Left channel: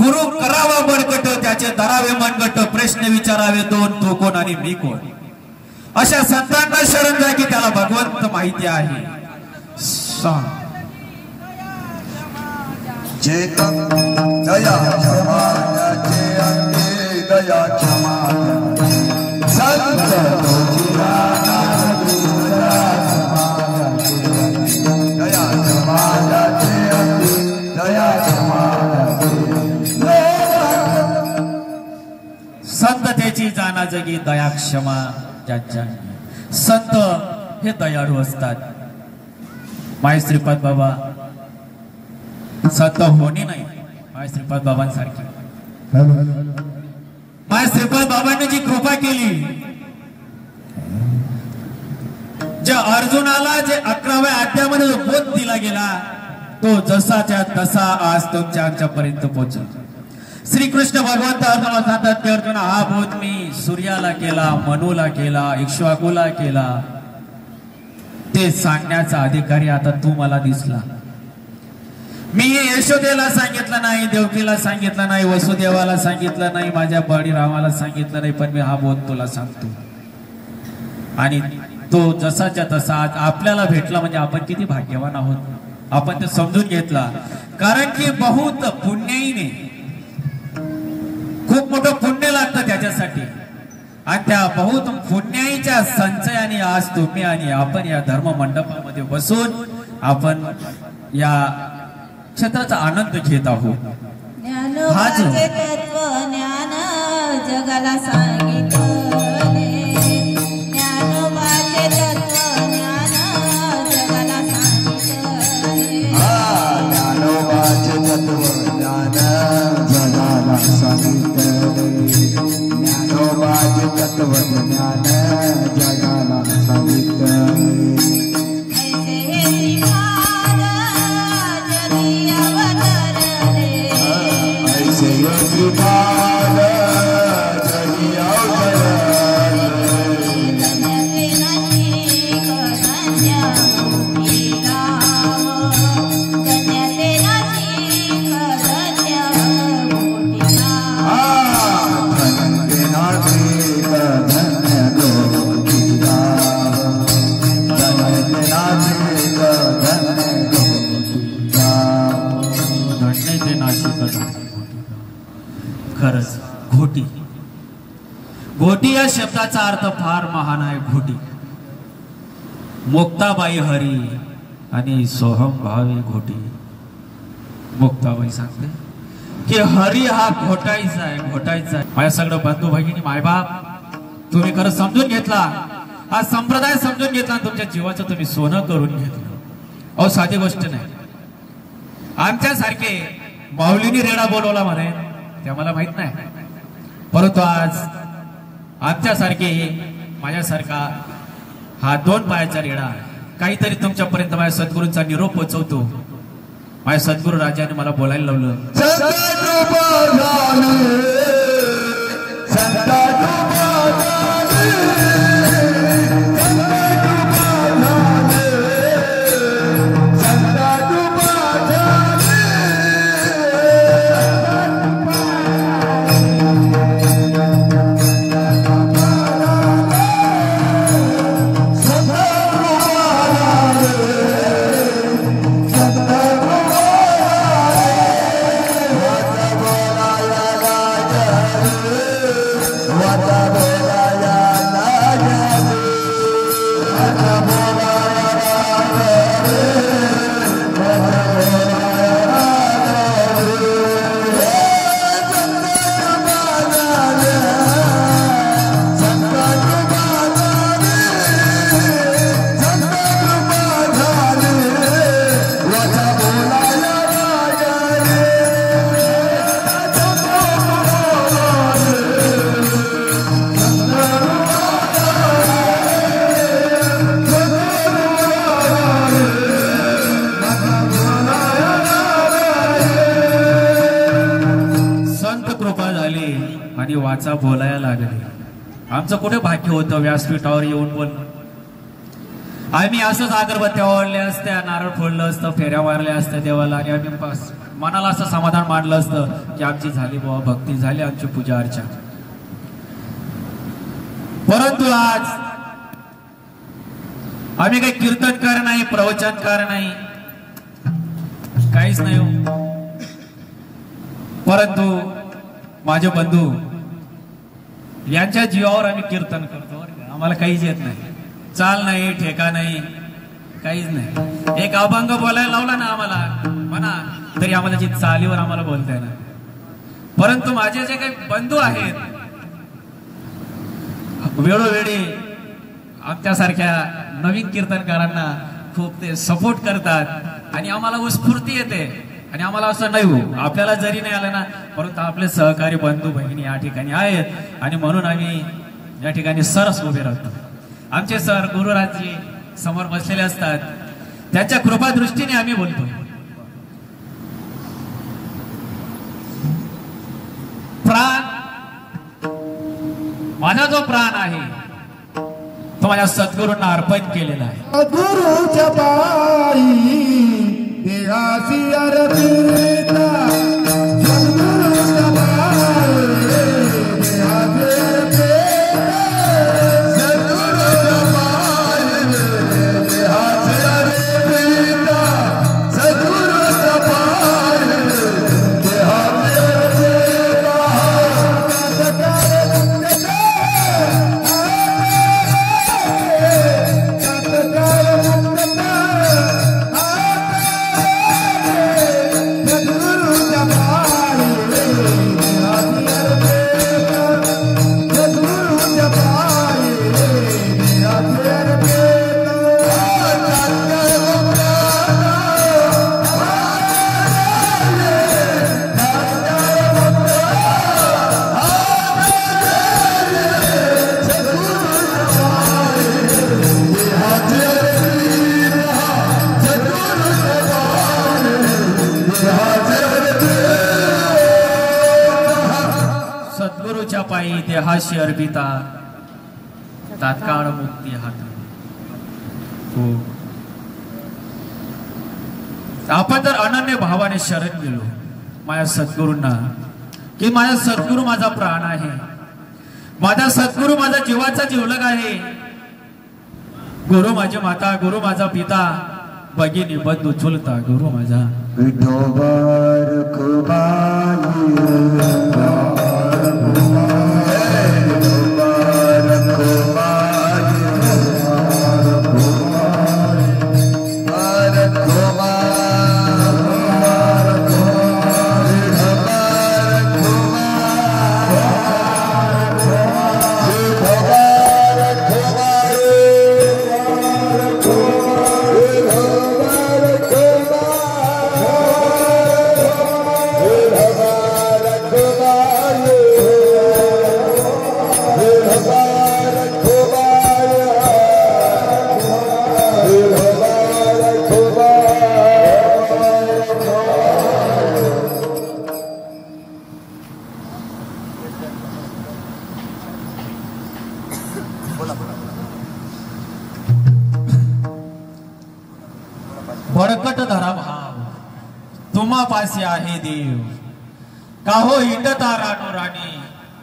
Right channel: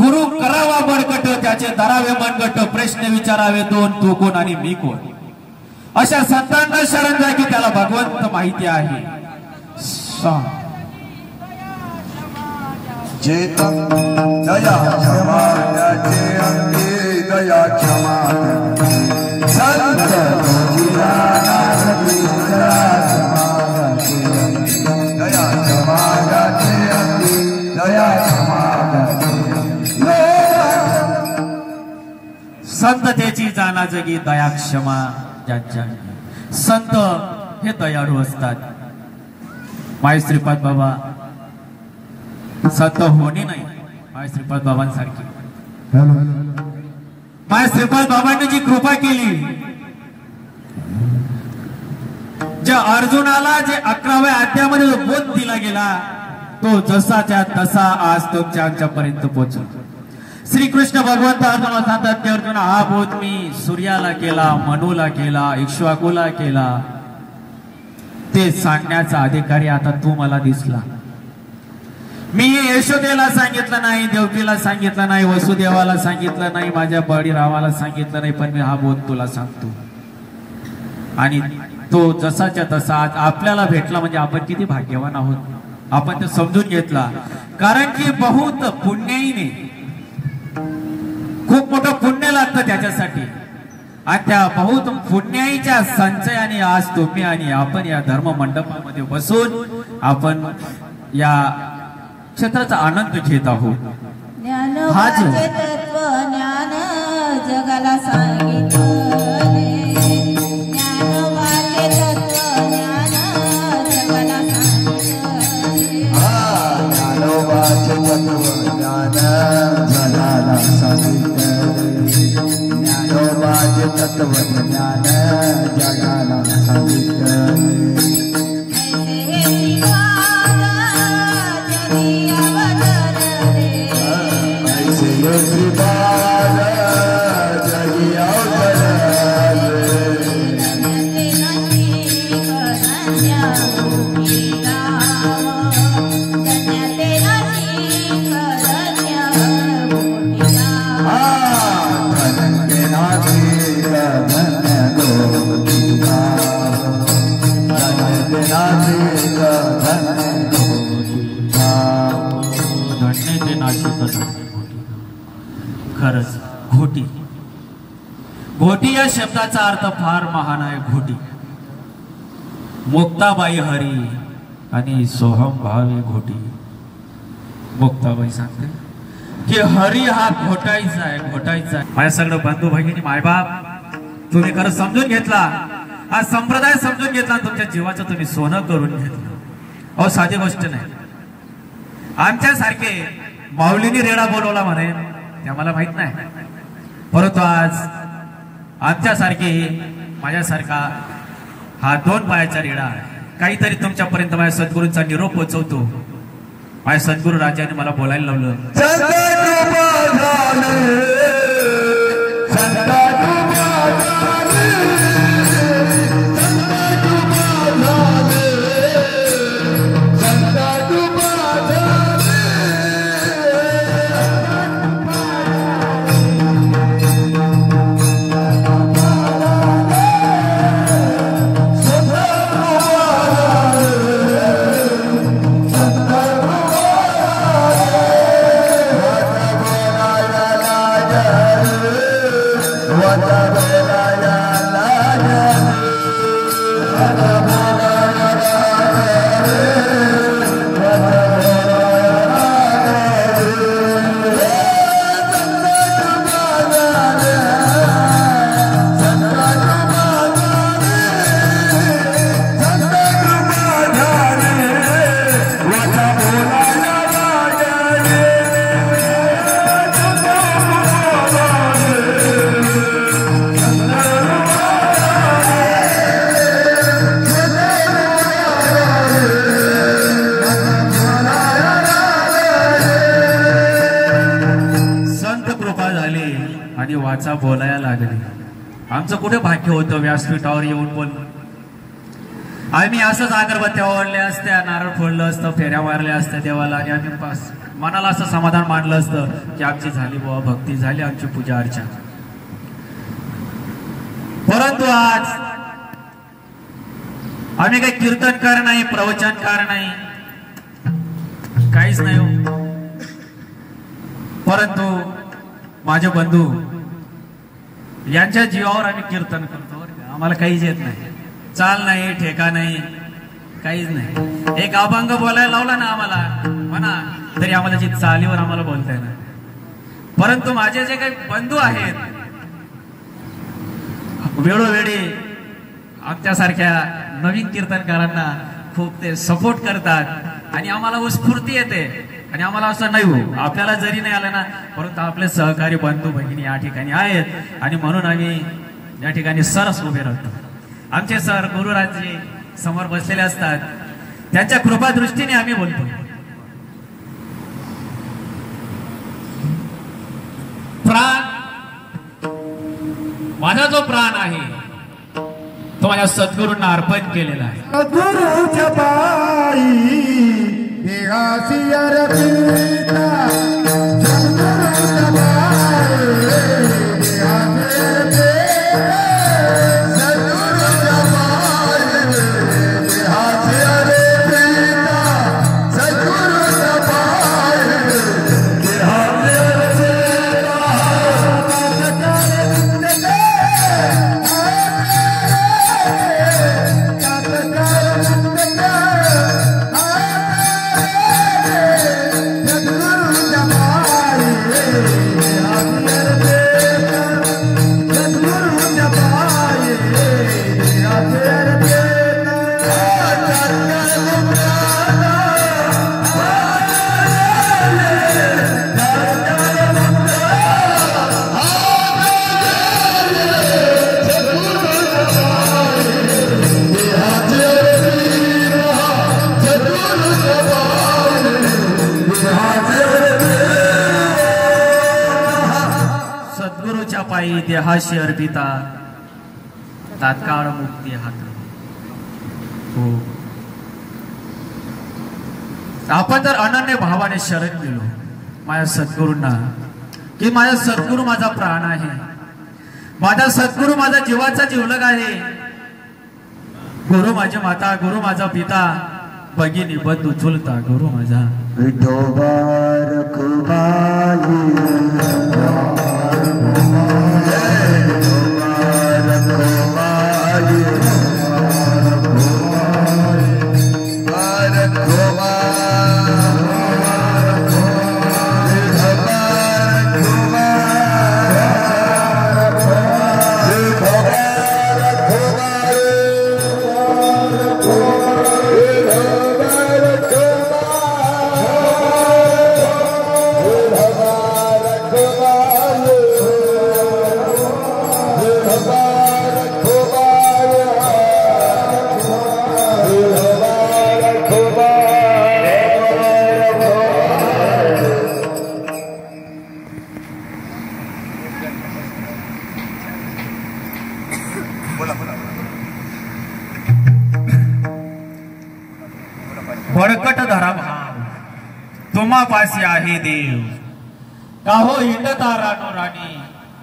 गुरु करावा बडकट त्याचे धरावे मनगट प्रश्न विचारावे दोन तू कोण आणि मी कोण अशा संतांना शरण द्या की त्याला भगवंत माहिती आहे चेतन दया क्षमाचे अंगे दया क्षमा संत दया क्षमाचे अंगे दया संततेची जाना जगी दया क्षमा ज्यांच्या संत हे दयाळू असतात माय श्रीपाद बाबा संत होणे नाही माय श्रीपाद बाबांसारखी माय श्रीपाद बाबांनी जी कृपा केली ज्या अर्जुनाला जे 11व्या अध्यायामध्ये जो बोध दिला गेला तो जसाच्या तसा आज तुमच्या आमच्यापर्यंत पोहोचला श्रीकृष्ण भगवंत अर्जुनाला सांगतात की अर्जुन हा बोध मी सूर्याला केला मनूला केला इक्ष्वाकुला केला ते सांगण्याचा अधिकारी आता तू मला दिसला मी यशोदेला सांगितलं नाही देवकीला सांगितलं नाही वसुदेवाला सांगितलं नाही माझ्या बळीरामाला सांगितलं नाही पण मी हा बोध तुला सांगतो आणि तो जसाच्या तसा आज आपल्याला भेटला म्हणजे आपण किती भाग्यवान आहोत आपण ते समजून घेतला कारण की बहुत पुण्याईने खूप मोठं पुण्य लागतं त्याच्यासाठी आणि त्या बहुत पुण्याईच्या संचयाने आज तुम्ही आणि आपण या धर्म मंडपामध्ये बसून आपण या क्षेत्राचा आनंद घेत आहोत ज्ञानोबाचे तत्व ज्ञान जगाला सांगितले ज्ञानोबाचे तत्व ज्ञान जगाला सांगितले ज्ञानोबाचे तत्व ज्ञान जगाला सांगितले ज्ञानोबाचे तत्व ज्ञान जगाला सांगितले खरंच घोटी घोटी या शब्दाचा अर्थ फार महान आहे घोटी मुक्ताबाई हरी आणि सोहम भावे घोटी मुक्ताबाई सांगते की हरी हा घोटायचा आहे घोटायचा आहे माझ्या सगळं बंधू भगिनी मायबाप तुम्ही खरं समजून घेतला हा संप्रदाय समजून घेतला तुमच्या जीवाचं तुम्ही सोनं करून घेतलं अहो साधी गोष्ट नाही आमच्यासारखे माऊलीने रेडा बोलवला म्हणे ते मला माहित नाही परंतु आज आमच्यासारखे माझ्यासारखा हा 2 पायाचा रेडा आहे काहीतरी तुमच्यापर्यंत माझ्या सद्गुरूंचा निरोप पोहोचवतो माझ्या सद्गुरू राजाने मला बोलायला लावलं वाचा बोलायला लागले आमचं कुठे भाग्य होतं व्यासपीठावर येऊन बोल आम्ही असंच अगरबत्त्या ओढल्या असत्या, नारळ फोडलं असतं, फेऱ्या मारल्या असत्या देवाला आणि आम्ही मनाला असं समाधान मानलं असतं की आमची झाली बाबा, भक्ती झाली, आमची पूजा अर्चा. परंतु आज आम्ही काही कीर्तनकार नाही, प्रवचनकार नाही, काहीच नाही. परंतु माझे बंधू यांच्या जीवावर आम्ही कीर्तन करतो. आम्हाला काहीच येत नाही, चाल नाही, ठेका नाही, काहीच नाही. एक अभंग बोलायला लावला ना आम्हाला म्हणा तरी आम्हाला जी चालीवर आम्हाला बोलता येणार. परंतु माझे जे काही बंधू आहेत वेळोवेळी आमच्यासारख्या नवीन कीर्तनकारांना खूप ते सपोर्ट करतात आणि आम्हाला स्फूर्ती येते. आणि आम्हाला असं नाही हो, आपल्याला जरी नाही आलं ना, परंतु आपले सहकारी बंधू भगिनी या ठिकाणी आहेत आणि म्हणून आम्ही या ठिकाणी सरस उभे राहतो. आमचे सर गुरुराजी समोर बसलेले असतात, त्यांच्या कृपा दृष्टीने आम्ही बोलतो. प्राण, माझा जो प्राण आहे तो माझ्या सद्गुरूंना अर्पण केलेला आहे. सद्गुरूच्या पायी देहाची अर्पिता, सद्गुरूच्या पायी देहाची अर्पिता, सद्गुरूच्या पायी देहाची अर्पिता, सद्गुरूच्या पायी देहाची अर्पिता. सद्गुरूच्या पायी देहाशी अर्पिता, तात्काळ मुक्ती हात. हो, आपण जर अनन्य भावाने शरण गेलो माझ्या सद्गुरूंना की माझा सद्गुरू माझा प्राण आहे, माझा सद्गुरू माझा जीवाचा जीवलग आहे, गुरु माझी माता, गुरु माझा पिता, भगिनी बंधू चुलता गुरु माझा. विठोबार बळकट धरा भाव तुम्हा पासी आहे देव, काहो हिंडता रानो राणी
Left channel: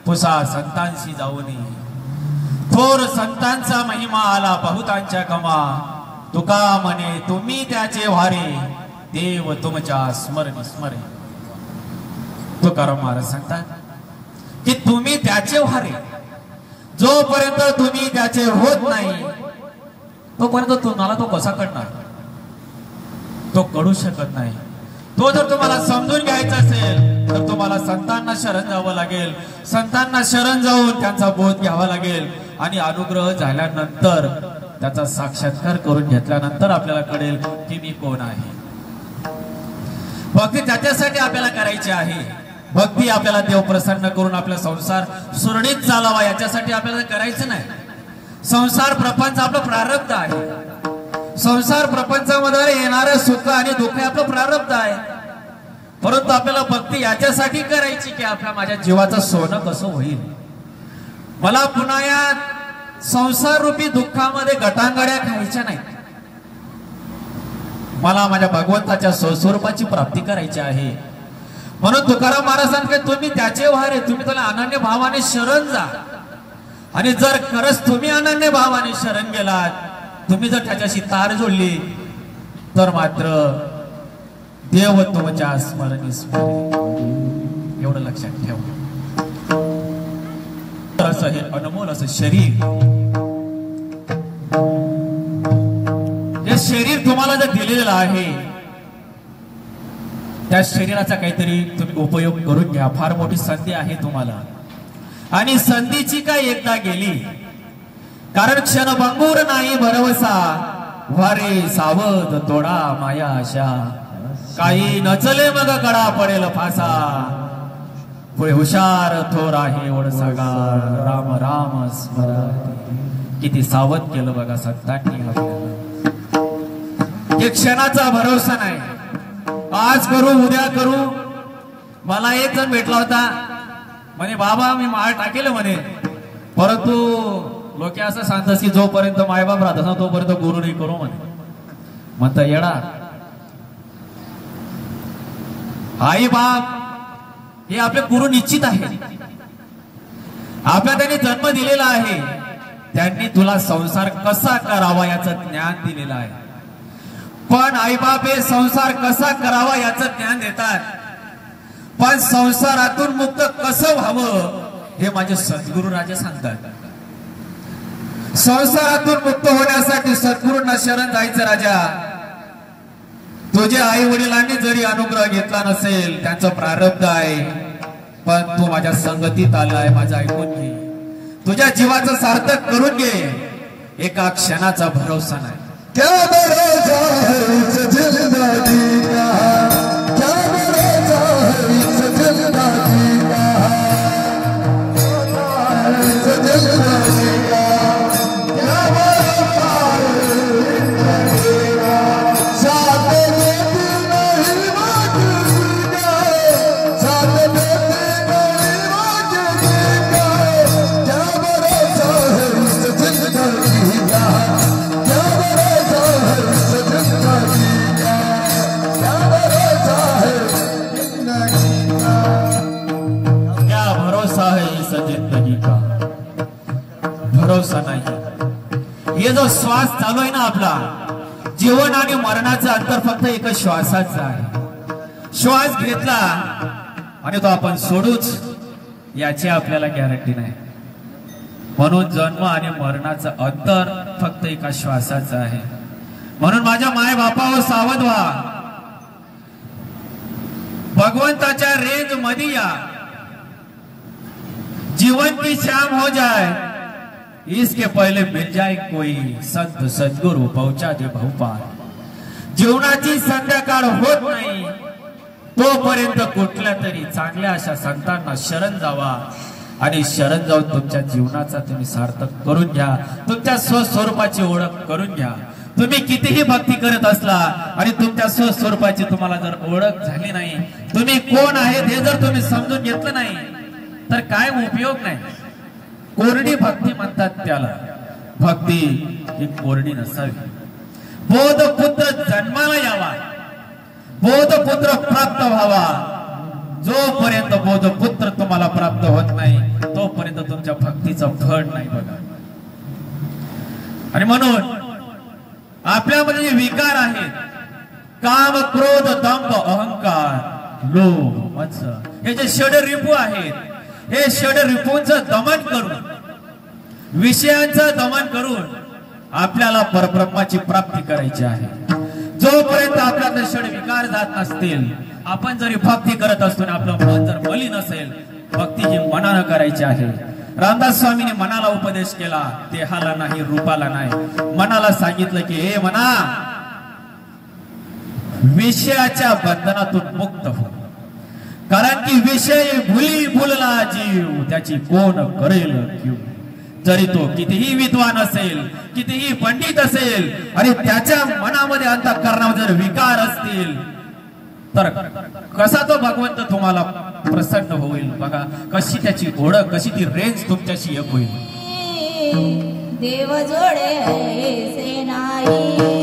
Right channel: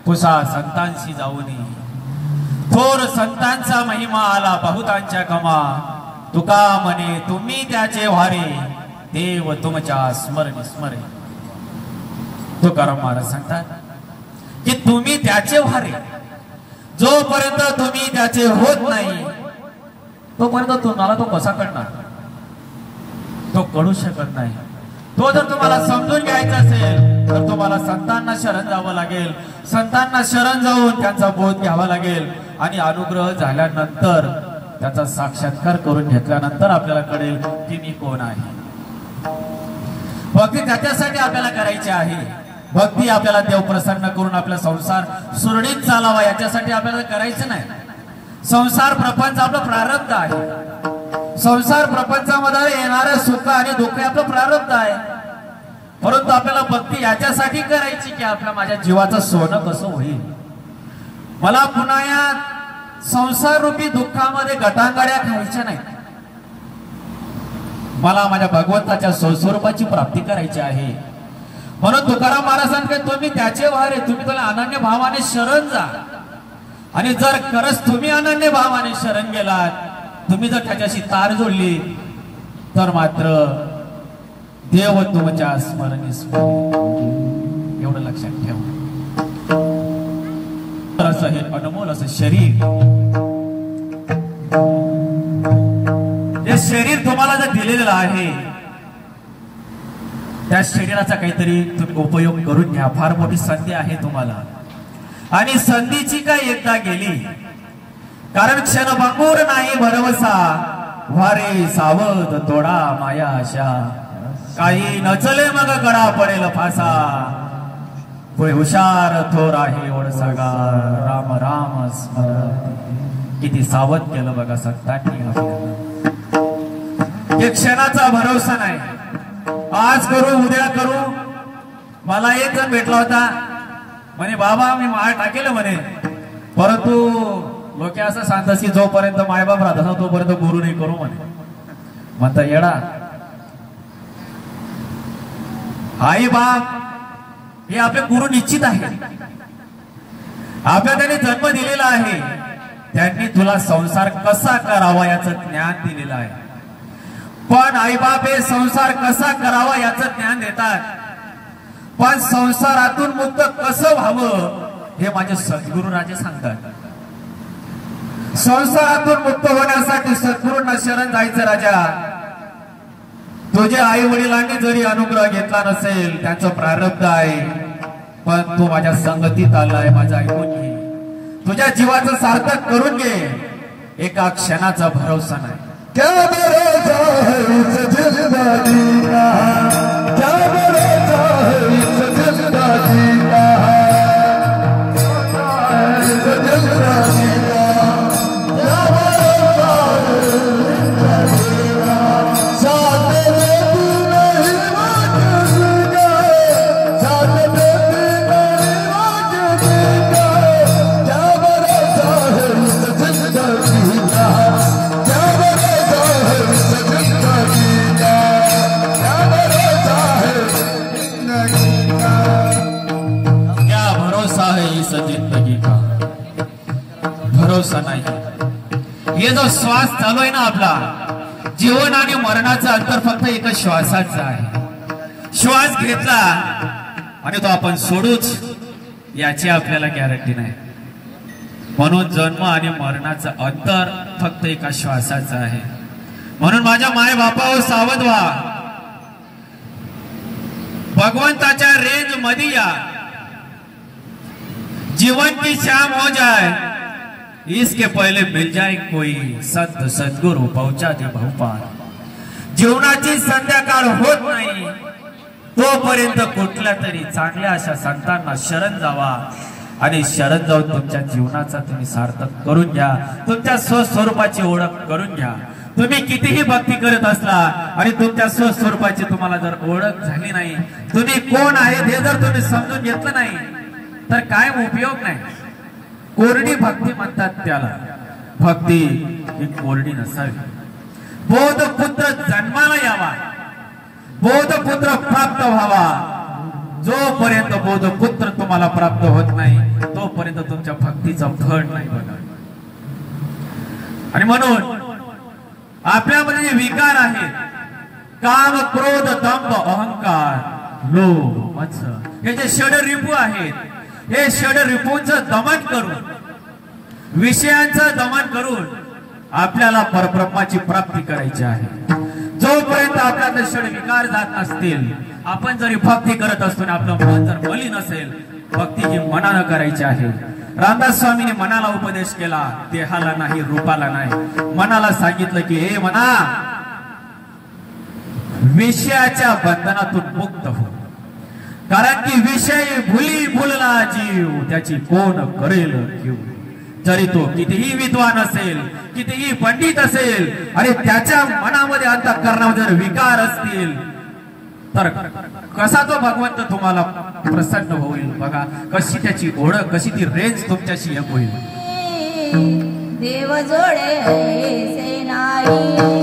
पुसा संतांशी जाऊनी. थोर संतांचा महिमा आला बहुतांच्या कमा, तुका म्हणे तुम्ही त्याचे व्हारे देव तुमच्या स्मरणी स्मरे. तुकाराम महाराज सांगतात की तुम्ही त्याचे व्हारे, जोपर्यंत तुम्ही त्याचे होत नाही तोपर्यंत तुम्हाला तो कसा करणार, तो कळू शकत नाही. तो जर तुम्हाला समजून घ्यायचा असेल तर तुम्हाला संतांना शरण जावं लागेल, संतांना शरण जाऊन त्यांचा बोध घ्यावा लागेल आणि अनुग्रह झाल्यानंतर त्याचा साक्षात्कार करून घेतल्यानंतर आपल्याला कळेल की मी कोण आहे. भक्ती त्याच्यासाठी आपल्याला करायची आहे. भक्ती आपल्याला देव प्रसन्न करून आपला संसार सुरळीत चालावा याच्यासाठी आपल्याला करायचं नाही. संसार प्रपंच आपलं प्रारब्ध आहे. संसार प्रपंचामध्ये येणारं सुख आणि दुःख आपलं प्रारब्ध आहे. परंतु आपल्याला भक्ती याच्यासाठी करायची की आपल्या माझ्या जीवाचं सोनं कसं होईल, मला पुन्हा या संसार रूपी दुःखामध्ये गटांगड्या खायच्या नाही. मला माझ्या भगवंताच्या स्वस्वरूपाची प्राप्ती करायची आहे. म्हणून तुकाराम महाराज सांगते तुम्ही त्याचे वारे, तुम्ही त्याला अनन्य भावाने शरण जा. आणि जर खरंच तुम्ही अनन्य भावाने शरण गेलात, तुम्ही जर त्याच्याशी तार जोडली, तर मात्र देव तुमच्या स्मरणीस एवढं लक्षात ठेवा. असं हे अनमोल असं शरीर, हे शरीर तुम्हाला जर दिलेलं आहे, त्या शरीराचा काहीतरी तुम्ही उपयोग करून घ्या. फार मोठी संधी आहे तुम्हाला, आणि संधीची काय एकदा गेली, कारण क्षणभंगूर नाही भरवसा, वारे सावध तोडा माया आशा, काही नचले मग गळा पडेल फासा, होय हुशार थोर आहे ओढ सगा, राम राम स्मरण. किती सावध केलं बघा सत्ताटणी आपल्याला. एक क्षणाचा भरोसा नाही, आज करू उद्या करू. मला एक जण भेटला होता, म्हणे बाबा मी माळ टाकेल म्हणे, परंतु लोक असं सांगतात की जोपर्यंत मायबाप राहत असं तोपर्यंत गुरु नाही करू म्हणे. म्हणता येडा, आई बाप हे आपले गुरु निश्चित आहे. आपल्या त्यांनी जन्म दिलेला आहे, त्यांनी तुला संसार कसा करावा याचं ज्ञान दिलेलं आहे. पण आईबाप हे संसार कसा करावा याचं ज्ञान देतात, पण संसारातून मुक्त कसं व्हावं हे माझे सद्गुरु राजे सांगतात. संसारातून मुक्त होण्यासाठी सद्गुरूंना शरण जायचं राजा. तुझ्या आई वडिलांनी जरी अनुग्रह घेतला नसेल, त्यांचं प्रारब्ध आहे, पण तू माझ्या संगतीत आलाय, माझं ऐकून घे, तुझ्या जीवाचं सार्थक करून घे. एका क्षणाचा भरोसा नाही. क्या भरोसा है इस जिंदगी का, क्या भरोसा है इस जिंदगी का, इस जिंदगी का, साथ देती नहीं वाजिब का, साथ देती नहीं वाजिब का, क्या भरोसा है इस जिंदगी का, क्या भरोसा नाही. हे जो श्वास चालू आहे ना आपला, जीवन आणि मरणाचं अंतर फक्त एका श्वासाचं आहे. श्वास घेतला आणि तो आपण सोडूच याची आपल्याला गॅरंटी नाही. म्हणून जन्म आणि मरणाचं अंतर फक्त एका श्वासाचं आहे. म्हणून माझ्या माय बापावर सावध व्हा. भगवंताच्या रेंज मध्ये या. जीवन की शाम हो जाए, इसके पहले मिल जाए कोई संत सद्गुरु पहुंचा दे बहुपार. जीवनाची संध्याकाळ होत नाही तोपर्यंत कुठल्या तरी चांगल्या अशा संतांना शरण जावा, आणि शरण जाऊन तुमच्या जीवनाचा तुम्ही सार्थक करून घ्या. तुमच्या स्वस्वरूपाची ओळख करून घ्या. तुम्ही कितीही भक्ती करत असला आणि तुमच्या स्वस्वरूपाची तुम्हाला जर ओळख झाली नाही, तुम्ही कोण आहेत हे जर तुम्ही समजून घेतलं नाही, तर काय उपयोग नाही. कोरडी भक्ती म्हणतात त्याला. भक्ती ही कोरडी नसावी. बोधपुत्र जन्माला यावा, बोधपुत्र प्राप्त व्हावा. जोपर्यंत बोधपुत्र तुम्हाला प्राप्त होत नाही, तोपर्यंत तुमच्या भक्तीचं फळ नाही बघा. आणि म्हणून आपल्यामध्ये विकार आहेत, काम क्रोध दंभ अहंकार लोभ मत्सर, हे जे षड रिपू आहेत, हे षड रिपूंचं दमन करून, विषयांचं दमन करून आपल्याला परब्रह्माची प्राप्ती करायची आहे. जोपर्यंत आपल्याला षड विकार जात नसतील, आपण जरी भक्ती करत असतो आणि आपलं मन जर मलिन असेल, भक्ती ही मनानं करायची आहे. रामदास स्वामींनी मनाला उपदेश केला, देहाला नाही रूपाला नाही. मनाला सांगितलं की हे मना, विषयाच्या बंधनातून मुक्त हो, कारण की विषय भुली भुलला जीव, त्याची कोण करेल कीव. जरी तो कितीही विद्वान असेल, कितीही पंडित असेल, आणि त्याच्या मनामध्ये अंतःकरणामध्ये जर विकार असतील, तर कसा तो भगवंत तुम्हाला प्रसन्न होईल बघा. कशी त्याची ओळख, कशी ती रेंज तुमच्याशी एक होईल. देव जोडे ऐसे नाही.